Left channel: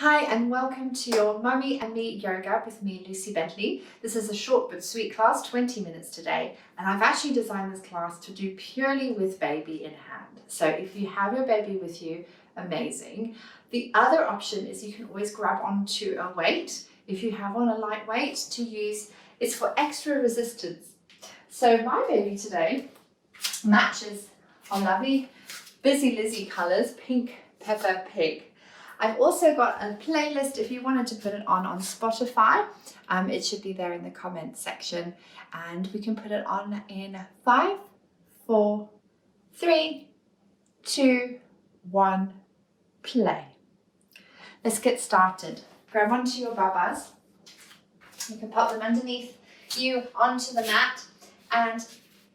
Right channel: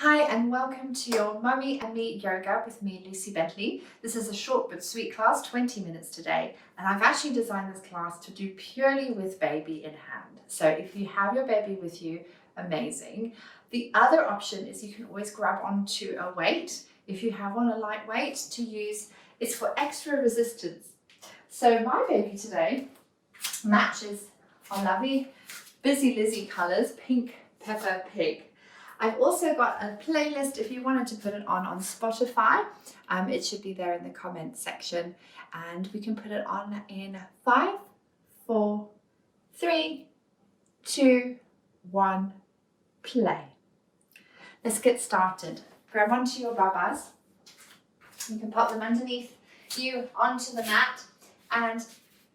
Hi and welcome to your Mummy and Me Yoga with me, Lucy Bentley. This is a short but sweet class, 20 minutes today, and I've actually designed this class to do purely with baby in hand. So if you have your baby with you, amazing. The other option is you can always grab onto a weight. If you have on a light weight to use, it's for extra resistance. So my baby today matches our lovely Busylizzy colours, pink, pepper, pig. I've also got a playlist if you wanted to put it on Spotify. It should be there in the comments section, and we can put it on in 5, 4, 3, 2, 1, play. Let's get started. Grab onto your babas. You can pop them underneath you onto the mat and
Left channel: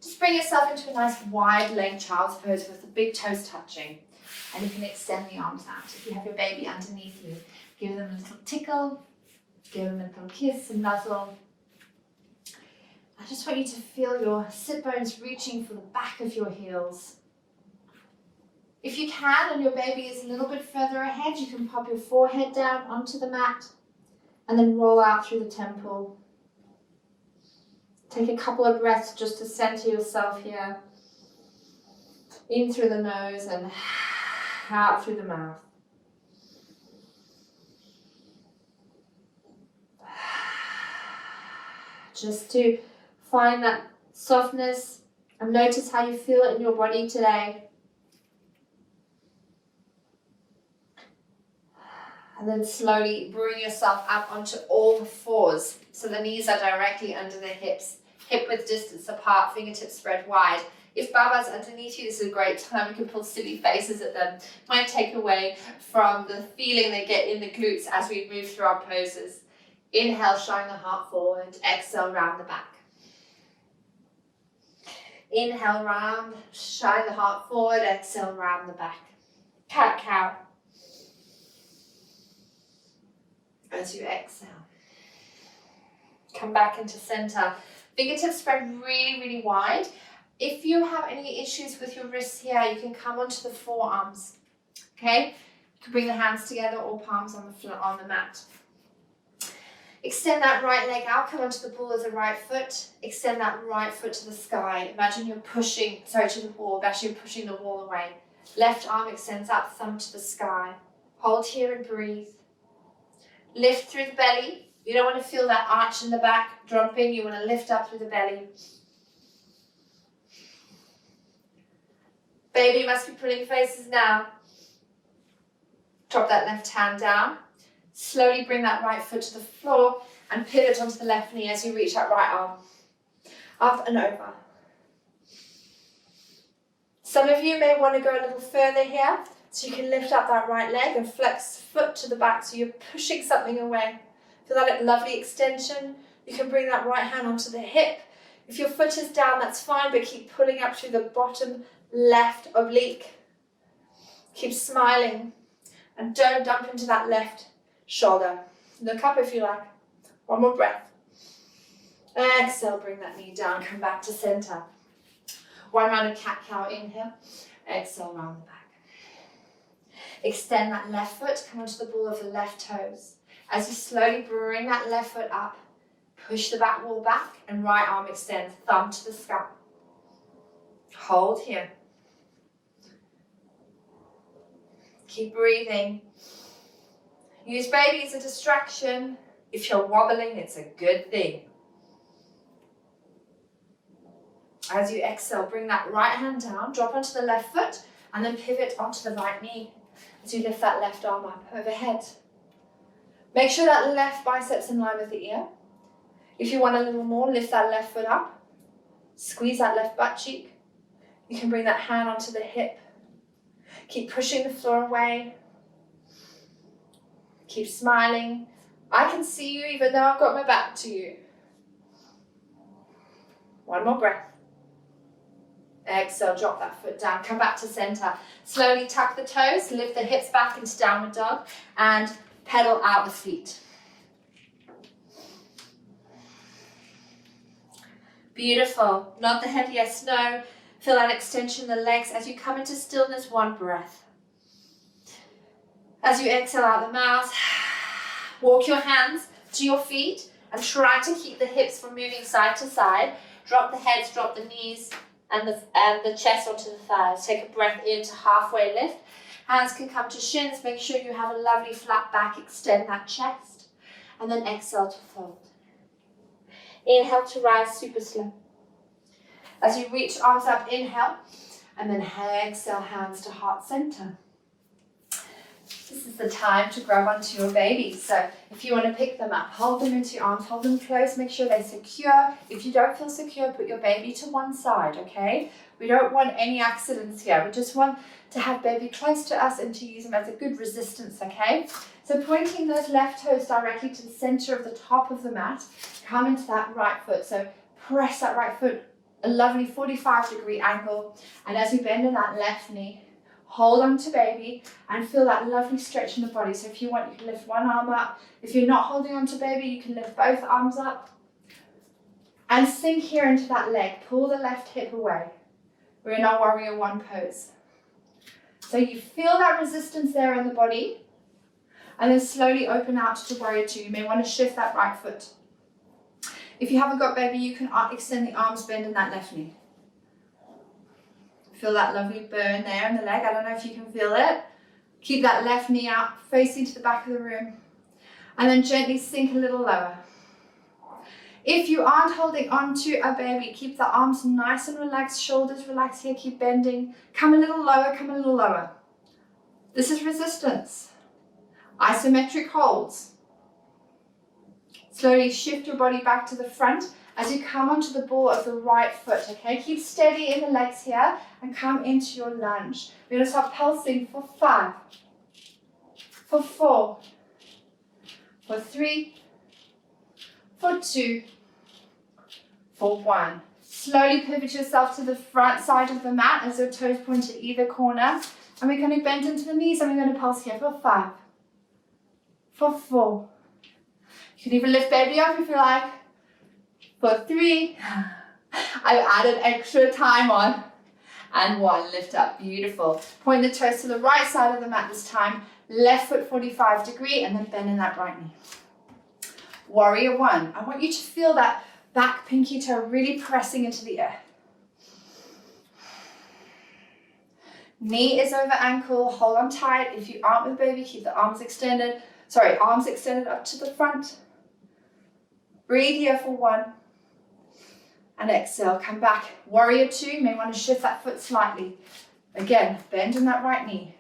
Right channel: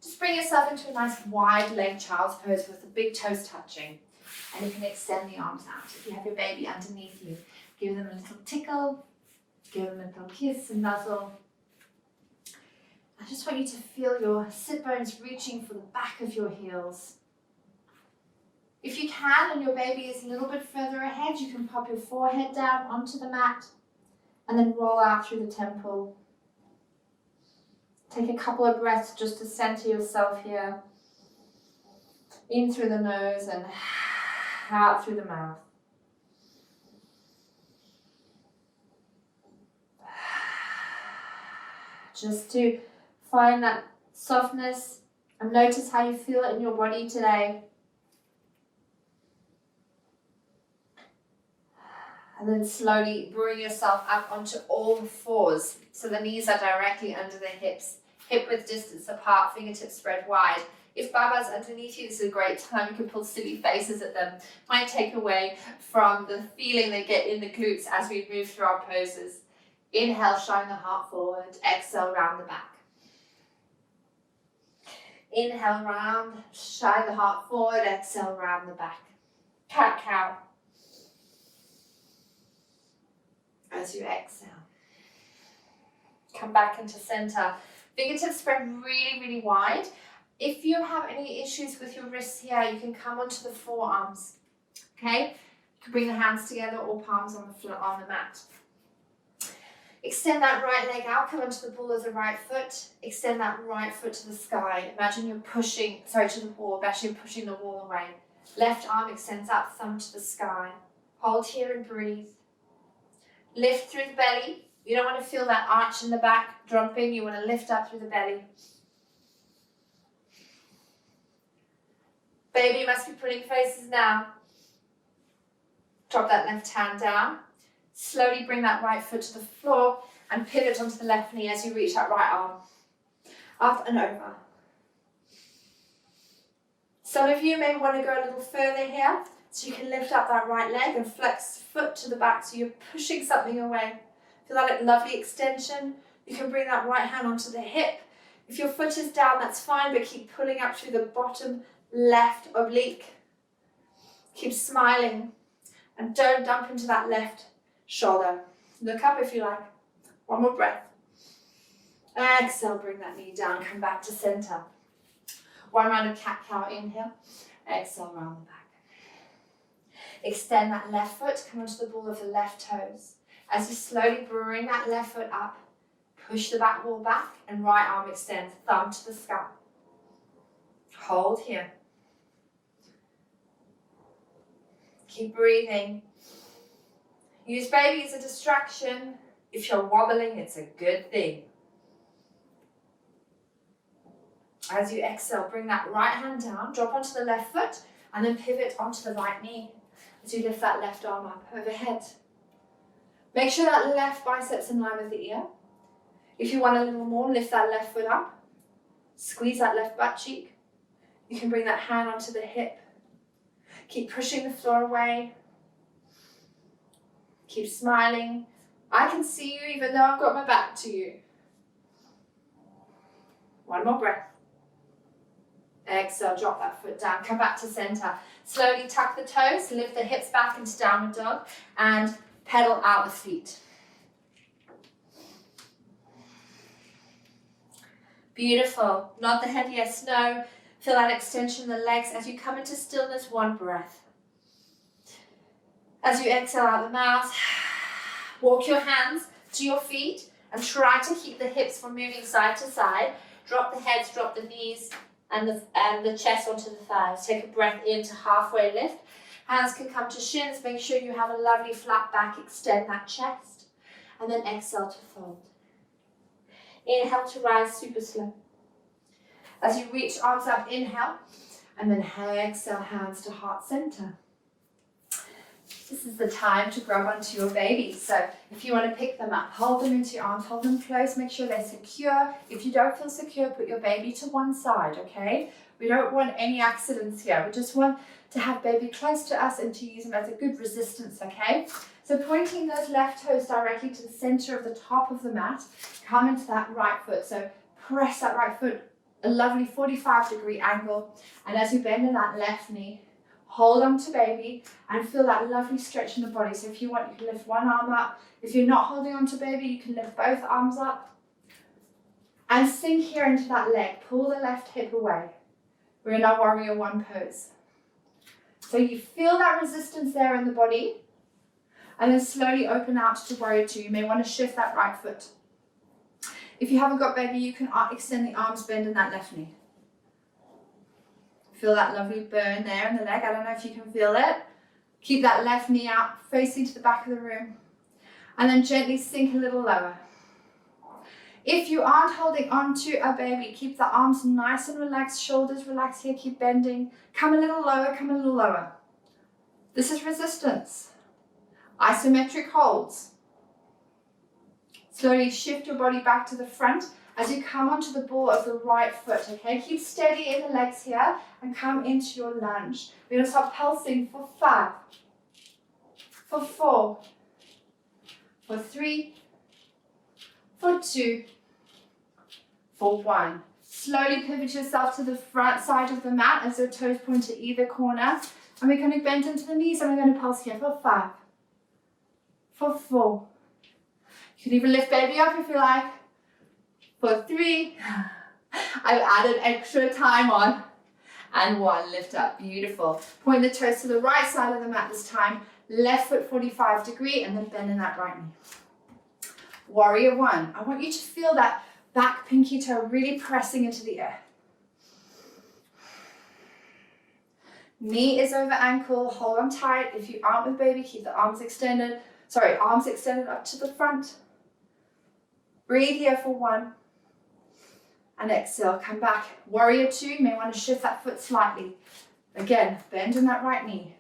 just bring yourself into a nice wide leg child's pose with the big toes touching. And you can extend the arms out. If you have your baby underneath you, give them a little tickle, give them a little kiss and nuzzle. I just want you to feel your sit bones reaching for the back of your heels. If you can and your baby is a little bit further ahead, you can pop your forehead down onto the mat and then roll out through the temple. Take a couple of breaths just to center yourself here. In through the nose and out through the mouth. Just to find that softness and notice how you feel it in your body today. And then slowly bring yourself up onto all fours. So the knees are directly under the hips, hip width distance apart, fingertips spread wide. If Baba's underneath you, this is a great time. You can pull silly faces at them. Might take away from the feeling they get in the glutes as we move through our poses. Inhale, shine the heart forward. Exhale, round the back. Inhale, round, shine the heart forward. Exhale, round the back. Cat-cow. As you exhale. Come back into center. Fingertips spread really, really wide. If you have any issues with your wrists here, you can come onto the forearms, okay? You can bring the hands together or palms on the mat. Extend that right leg out, come onto the ball of the right foot. Extend that right foot to the sky. Imagine you're pushing, to the wall, actually you're pushing the wall away. Left arm extends up, thumb to the sky. Hold here and breathe. Lift through the belly. You don't want to feel that arch in the back dropping. You want to lift up through the belly. Baby must be pulling faces now. Drop that left hand down. Slowly bring that right foot to the floor and pivot onto the left knee as you reach that right arm. Up and over. Some of you may want to go a little further here, so you can lift up that right leg and flex foot to the back so you're pushing something away. Feel that lovely extension. You can bring that right hand onto the hip. If your foot is down, that's fine, but keep pulling up through the bottom left oblique. Keep smiling and don't dump into that left shoulder. Look up if you like. One more breath. Exhale, bring that knee down, come back to center. One round of cat-cow, inhale. Exhale, round the back. Extend that left foot, come onto the ball of the left toes. As you slowly bring that left foot up, push the back wall back and right arm extends, thumb to the sky. Hold here. Keep breathing. Use baby as a distraction. If you're wobbling, it's a good thing. As you exhale, bring that right hand down, drop onto the left foot, and then pivot onto the right knee as you lift that left arm up overhead. Make sure that left bicep's in line with the ear. If you want a little more, lift that left foot up. Squeeze that left butt cheek. You can bring that hand onto the hip. Keep pushing the floor away. Keep smiling. I can see you even though I've got my back to you. One more breath. Exhale, drop that foot down. Come back to center. Slowly tuck the toes, lift the hips back into downward dog, and pedal out the feet. Beautiful. Nod the head yes, no. Feel that extension in the legs as you come into stillness, one breath. As you exhale out the mouth, Walk your hands to your feet and try to keep the hips from moving side to side. Drop the heads, drop the knees and the chest onto the thighs. Take a breath in to halfway lift. Hands can come to shins. Make sure you have a lovely flat back. Extend that chest. And then exhale to fold. Inhale to rise super slow. As you reach arms up, inhale. And then exhale, hands to heart center. This is the time to grab onto your baby. So if you want to pick them up, hold them into your arms, hold them close, make sure they're secure. If you don't feel secure, put your baby to one side, okay? We don't want any accidents here. We just want to have baby close to us and to use them as a good resistance, okay? So pointing those left toes directly to the center of the top of the mat, come into that right foot. So press that right foot, a lovely 45-degree angle. And as you bend in that left knee, hold on to baby and feel that lovely stretch in the body. So if you want, you can lift one arm up. If you're not holding on to baby, you can lift both arms up. And sink here into that leg. Pull the left hip away. We're in our warrior one pose. So you feel that resistance there in the body. And then slowly open out to warrior two. You may want to shift that right foot. If you haven't got baby, you can extend the arms, bend in that left knee. Feel that lovely burn there in the leg. I don't know if you can feel it. Keep that left knee out, facing to the back of the room. And then gently sink a little lower. If you aren't holding on to a baby, keep the arms nice and relaxed, shoulders relaxed here, keep bending. Come a little lower, come a little lower. This is resistance. Isometric holds. Slowly shift your body back to the front as you come onto the ball of the right foot, okay? Keep steady in the legs here and come into your lunge. We're gonna start pulsing for 5, for 4, for 3, for 2, for 1. Slowly pivot yourself to the front side of the mat as your toes point to either corner. And we're gonna bend into the knees and we're gonna pulse here for 5, for 4. You can even lift baby up if you like. For 3, I've added extra time on. And 1, lift up, beautiful. Point the toes to the right side of the mat this time. Left foot 45-degree and then bend in that right knee. Warrior 1, I want you to feel that back pinky toe really pressing into the air. Knee is over ankle, hold on tight. If you aren't with baby, keep the arms extended. Sorry, arms extended up to the front. Breathe here for 1. And exhale, come back. Warrior 2, you may want to shift that foot slightly. Again, bend in that right knee.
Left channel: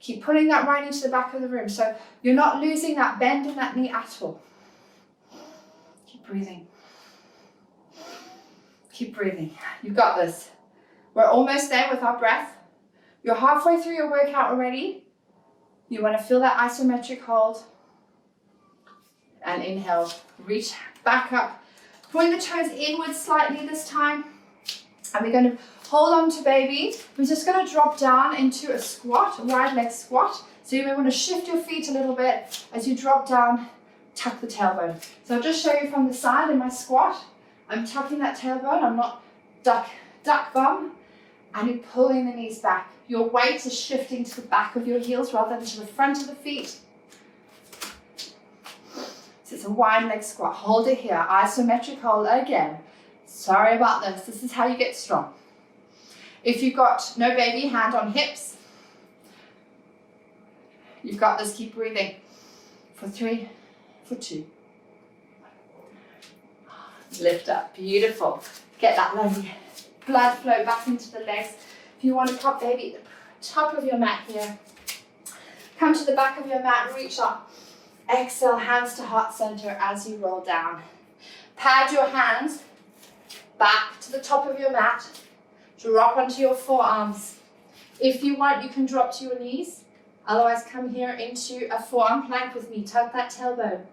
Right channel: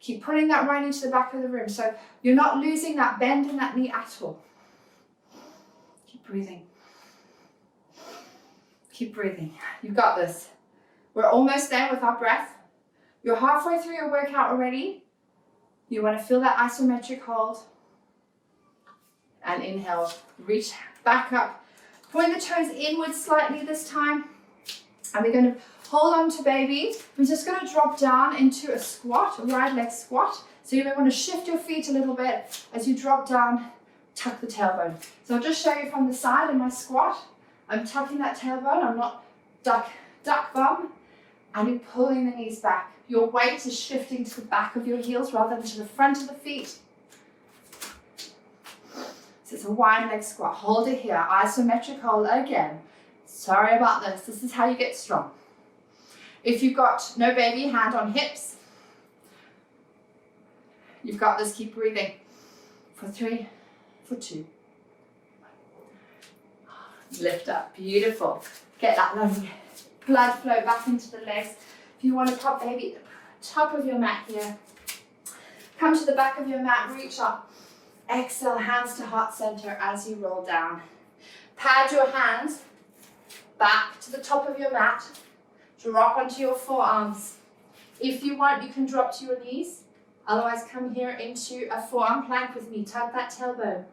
Keep pulling that right knee to the back of the room. So you're not losing that bend in that knee at all. Keep breathing. Keep breathing. You've got this. We're almost there with our breath. You're halfway through your workout already. You want to feel that isometric hold. And inhale, reach back up. Point the toes inward slightly this time. And we're going to hold on to baby. We're just going to drop down into a squat, a wide leg squat. So you may want to shift your feet a little bit as you drop down, tuck the tailbone. So I'll just show you from the side in my squat. I'm tucking that tailbone. I'm not duck bum. And you're pulling the knees back. Your weight is shifting to the back of your heels rather than to the front of the feet. So it's a wide leg squat. Hold it here. Isometric hold again. Sorry about this. This is how you get strong. If you've got no baby, hand on hips. You've got this. Keep breathing. For 3, for 2. Lift up. Beautiful. Get that lovely blood flow back into the legs. If you want to pop baby at the top of your mat here, come to the back of your mat, reach up. Exhale, hands to heart center as you roll down. Pad your hands back to the top of your mat. Drop onto your forearms. If you want, you can drop to your knees. Otherwise, come here into a forearm plank with me. Tuck that tailbone.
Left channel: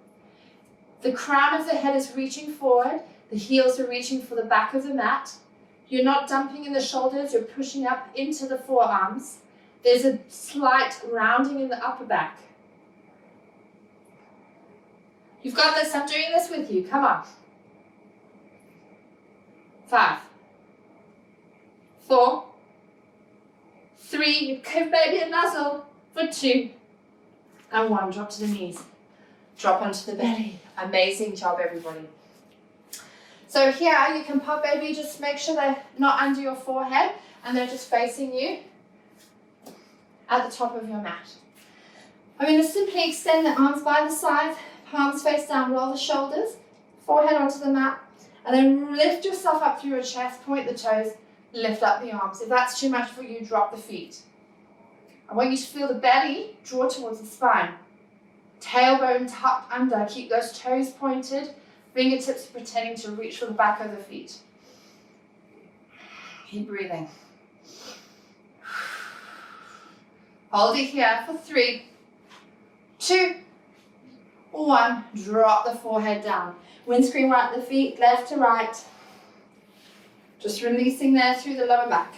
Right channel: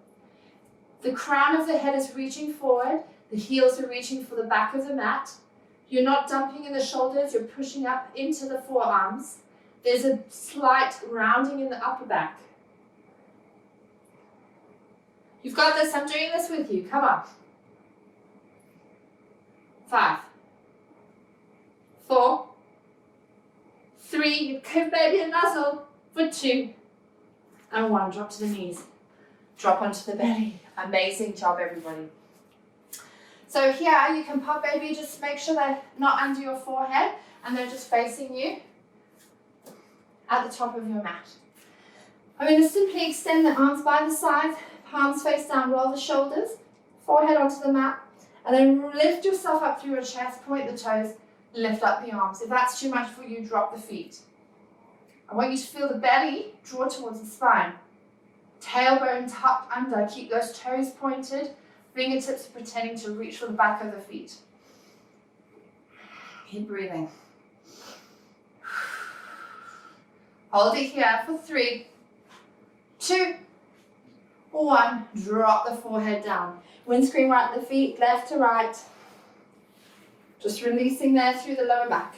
The crown of the head is reaching forward. The heels are reaching for the back of the mat. You're not dumping in the shoulders. You're pushing up into the forearms. There's a slight rounding in the upper back. You've got this. I'm doing this with you. Come on. 5, 4, 3. You give baby a nuzzle. For 2 and 1. Drop to the knees. drop onto the belly. Amazing job, everybody. So here you can pop baby, just make sure they're not under your forehead and they're just facing you at the top of your mat. I'm going to simply extend the arms by the sides, palms face down, roll the shoulders, forehead onto the mat, and then lift yourself up through your chest, point the toes, lift up the arms. If that's too much for you, drop the feet. I want you to feel the belly draw towards the spine. Tailbone tucked under, keep those toes pointed, fingertips pretending to reach for the back of the feet. Keep breathing. Hold it here for 3, 2, 1. Drop the forehead down. Windscreen right at the feet, left to right. Just releasing there through the lower back.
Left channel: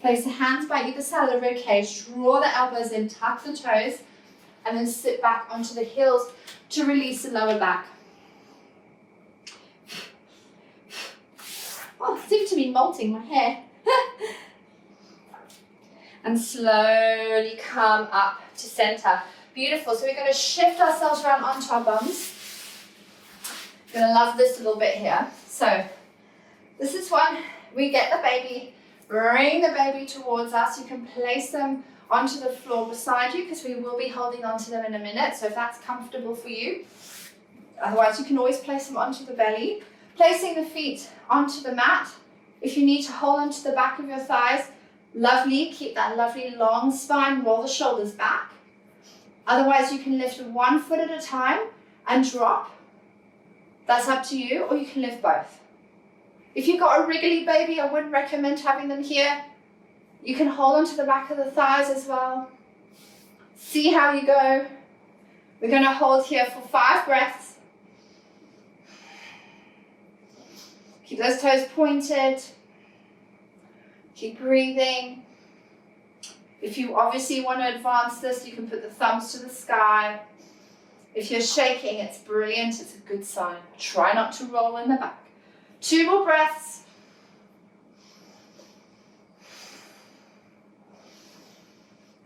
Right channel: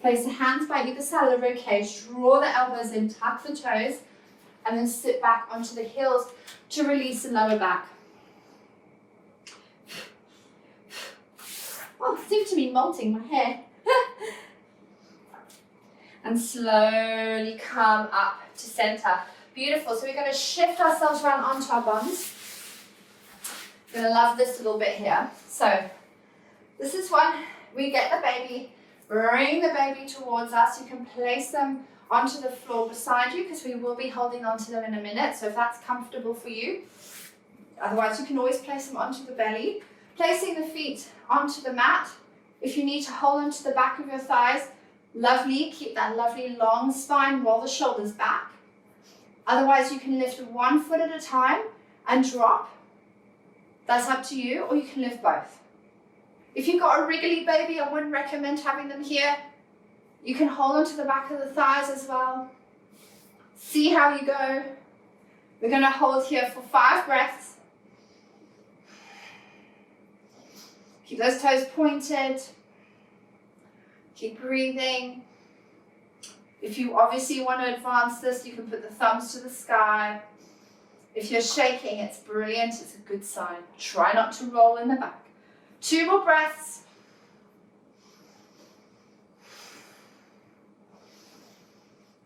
Place the hands by either side of the ribcage. Draw the elbows in, tuck the toes, and then sit back onto the heels to release the lower back. Oh, it seems to be molting my hair. And slowly come up to center. Beautiful. So we're going to shift ourselves around onto our bums. Going to love this little bit here. So this is one. We get the baby, bring the baby towards us. You can place them onto the floor beside you because we will be holding onto them in a minute. So if that's comfortable for you. Otherwise, you can always place them onto the belly. Placing the feet onto the mat. If you need to hold onto the back of your thighs, lovely. Keep that lovely long spine. Roll the shoulders back. Otherwise, you can lift one foot at a time and drop. That's up to you, or you can lift both. If you've got a wriggly baby, I wouldn't recommend having them here. You can hold onto the back of the thighs as well. See how you go. We're going to hold here for 5 breaths. Keep those toes pointed. Keep breathing. If you obviously want to advance this, you can put the thumbs to the sky. If you're shaking, it's brilliant. It's a good sign. Try not to roll in the back. 2 more breaths.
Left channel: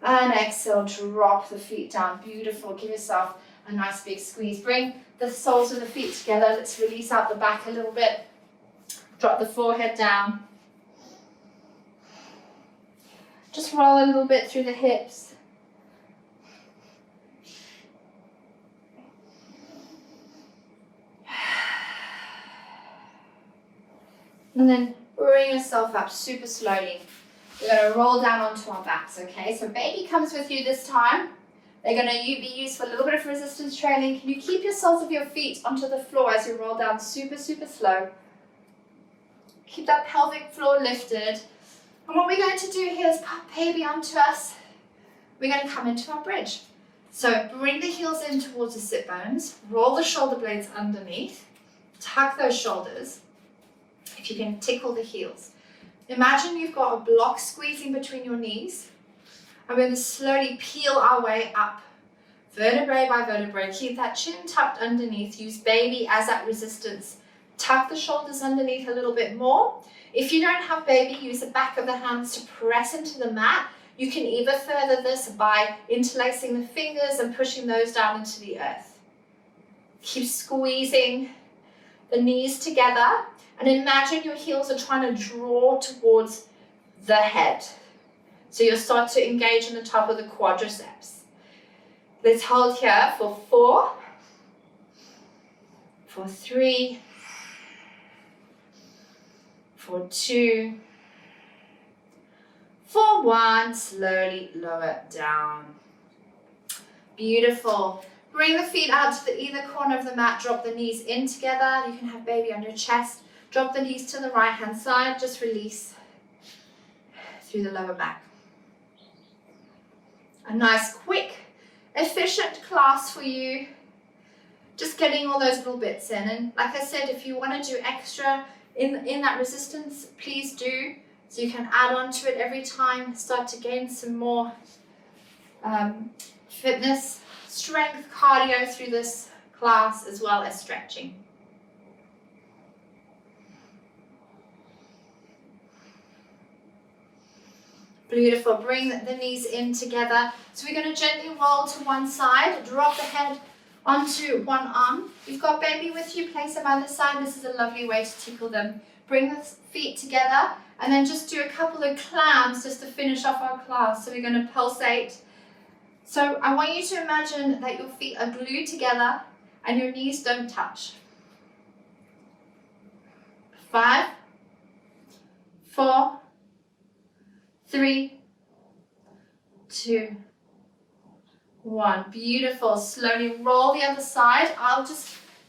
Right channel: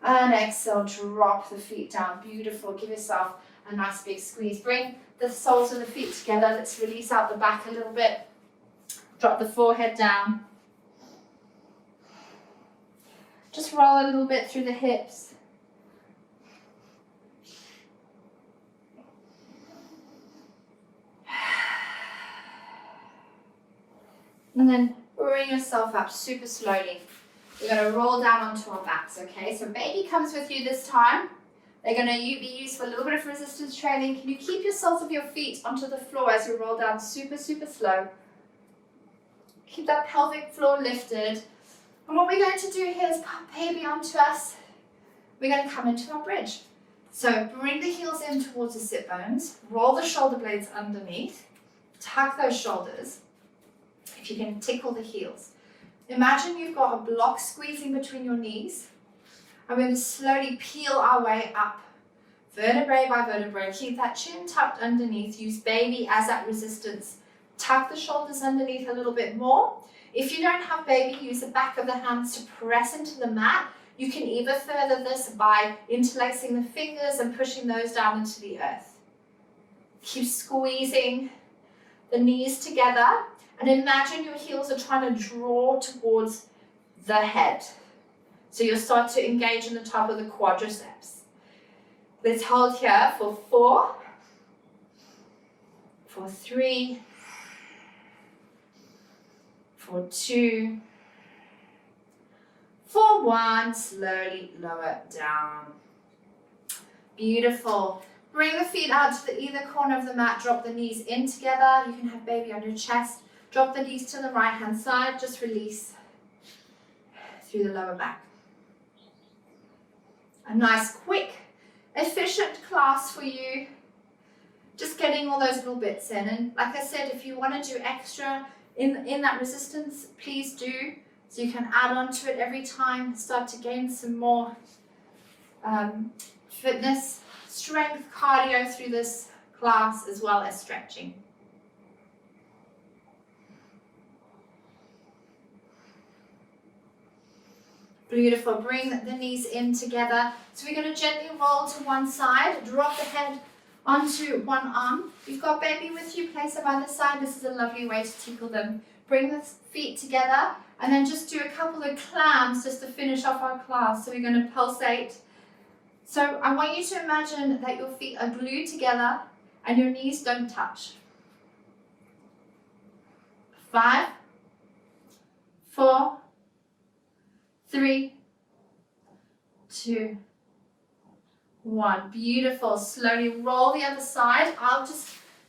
And exhale, drop the feet down. Beautiful. Give yourself a nice big squeeze. Bring the soles of the feet together. Let's release out the back a little bit. Drop the forehead down. Just roll a little bit through the hips. And then bring yourself up super slowly. We're going to roll down onto our backs, okay? So baby comes with you this time. They're going to be used for a little bit of resistance training. Can you keep your soles of your feet onto the floor as you roll down super, super slow? Keep that pelvic floor lifted. And what we're going to do here is pop baby onto us. We're going to come into our bridge. So bring the heels in towards the sit bones. Roll the shoulder blades underneath. Tuck those shoulders. If you can tickle the heels. Imagine you've got a block squeezing between your knees. And we're going to slowly peel our way up. Vertebrae by vertebrae. Keep that chin tucked underneath. Use baby as that resistance. Tuck the shoulders underneath a little bit more. If you don't have baby, use the back of the hands to press into the mat. You can either further this by interlacing the fingers and pushing those down into the earth. Keep squeezing the knees together and imagine your heels are trying to draw towards the head. So you'll start to engage in the top of the quadriceps. Let's hold here for 4, for 3, for 2, for 1, slowly lower down. Beautiful. Bring the feet out to either corner of the mat, drop the knees in together. You can have baby on your chest. Drop the knees to the right hand side, just release through the lower back. A nice, quick, efficient class for you. Just getting all those little bits in. And like I said, if you want to do extra in that resistance, please do. So you can add on to it every time, start to gain some more fitness, strength, cardio through this class, as well as stretching. Beautiful. Bring the knees in together. So we're going to gently roll to one side, drop the head onto one arm. You've got baby with you, place them either side. This is a lovely way to tickle them. Bring the feet together and then just do a couple of clams just to finish off our class. So we're going to pulsate. So I want you to imagine that your feet are glued together and your knees don't touch. 5, 4, 3, 2, 1. Beautiful. Slowly roll the other side.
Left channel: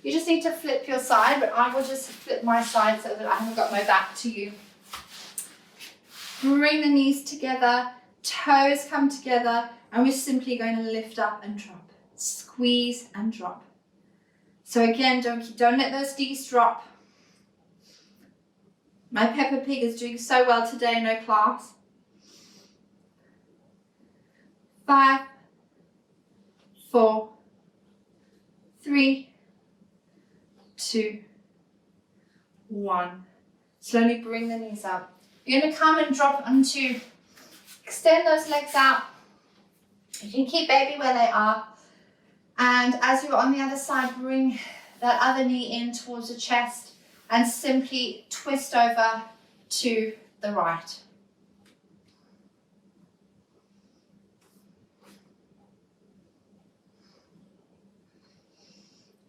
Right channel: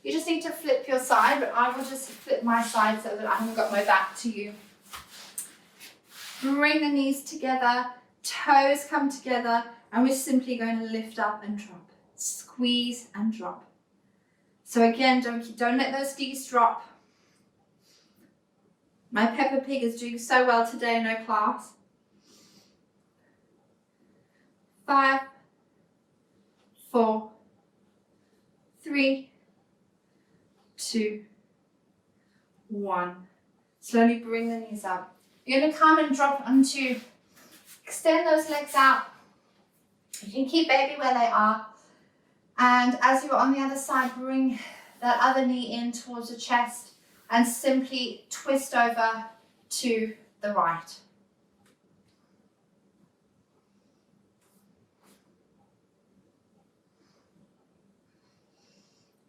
You just need to flip your side, but I will just flip my side so that I haven't got my back to you. Bring the knees together, toes come together, and we're simply going to lift up and drop. Squeeze and drop. So again, don't let those knees drop. My Peppa Pig is doing so well today, no class. 5, 4, 3, 2, 1. Slowly bring the knees up. You're going to come and drop onto, extend those legs out. You can keep baby where they are. And as you're on the other side, bring that other knee in towards the chest and simply twist over to the right.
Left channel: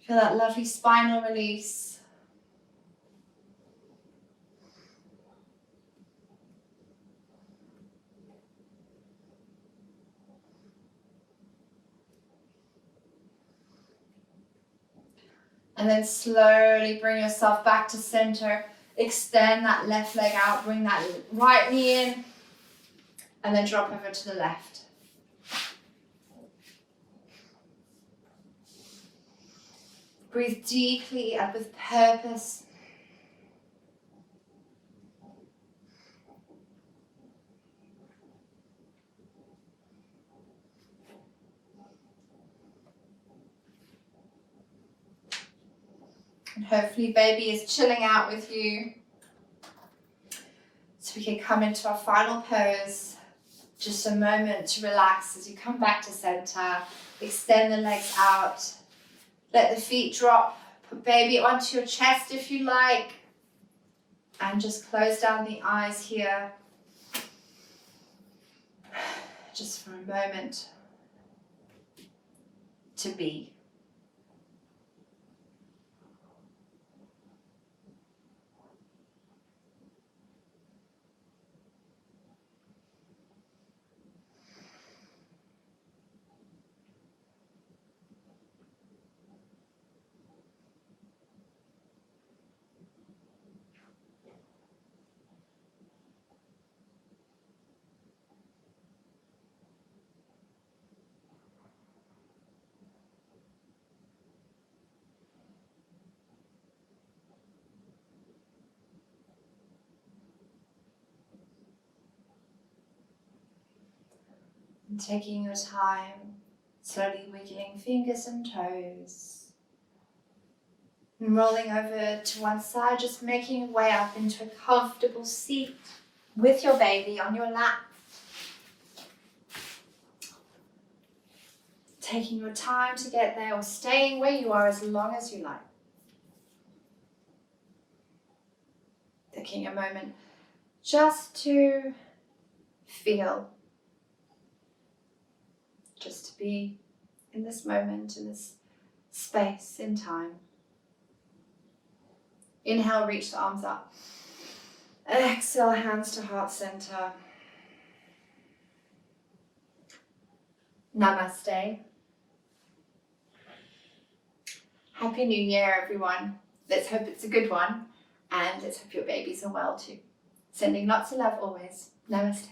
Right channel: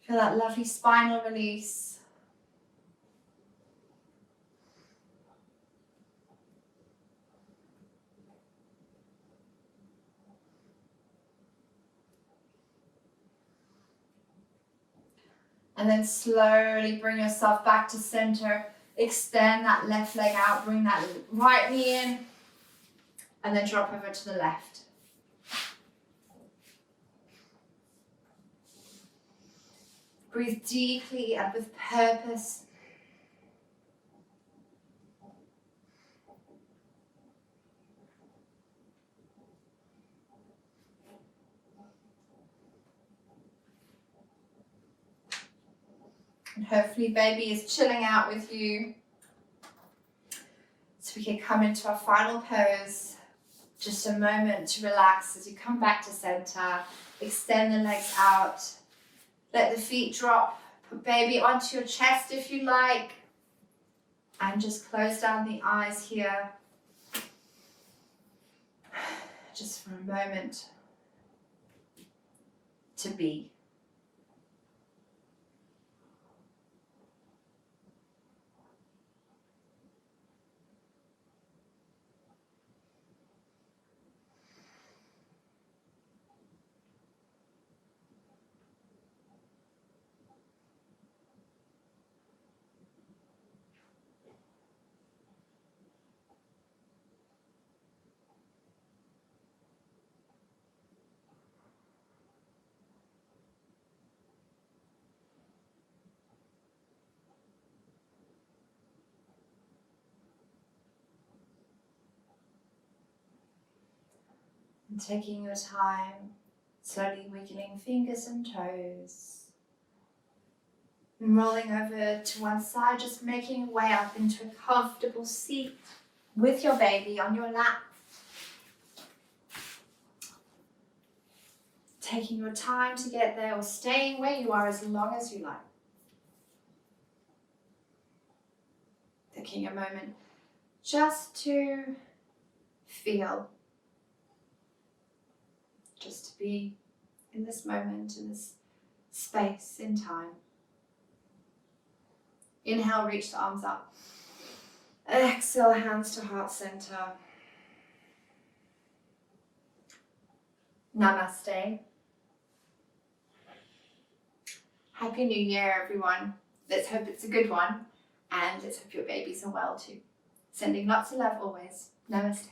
Feel that lovely spinal release. And then slowly bring yourself back to center. Extend that left leg out, bring that right knee in, and then drop over to the left. Breathe deeply and with purpose. And hopefully baby is chilling out with you. So we can come into our final pose. Just a moment to relax as you come back to center. Extend the legs out. Let the feet drop. Put baby onto your chest if you like. And just close down the eyes here. Just for a moment to be. And taking your time, slowly wiggling fingers and toes. And rolling over to one side, just making your way up into a comfortable seat with your baby on your lap. Taking your time to get there or staying where you are as long as you like. Taking a moment just to feel. Just to be in this moment, in this space, in time. Inhale, reach the arms up. Exhale, hands to heart center. Namaste. Happy New Year, everyone. Let's hope it's a good one. And let's hope your babies are well too. Sending lots of love always. Namaste.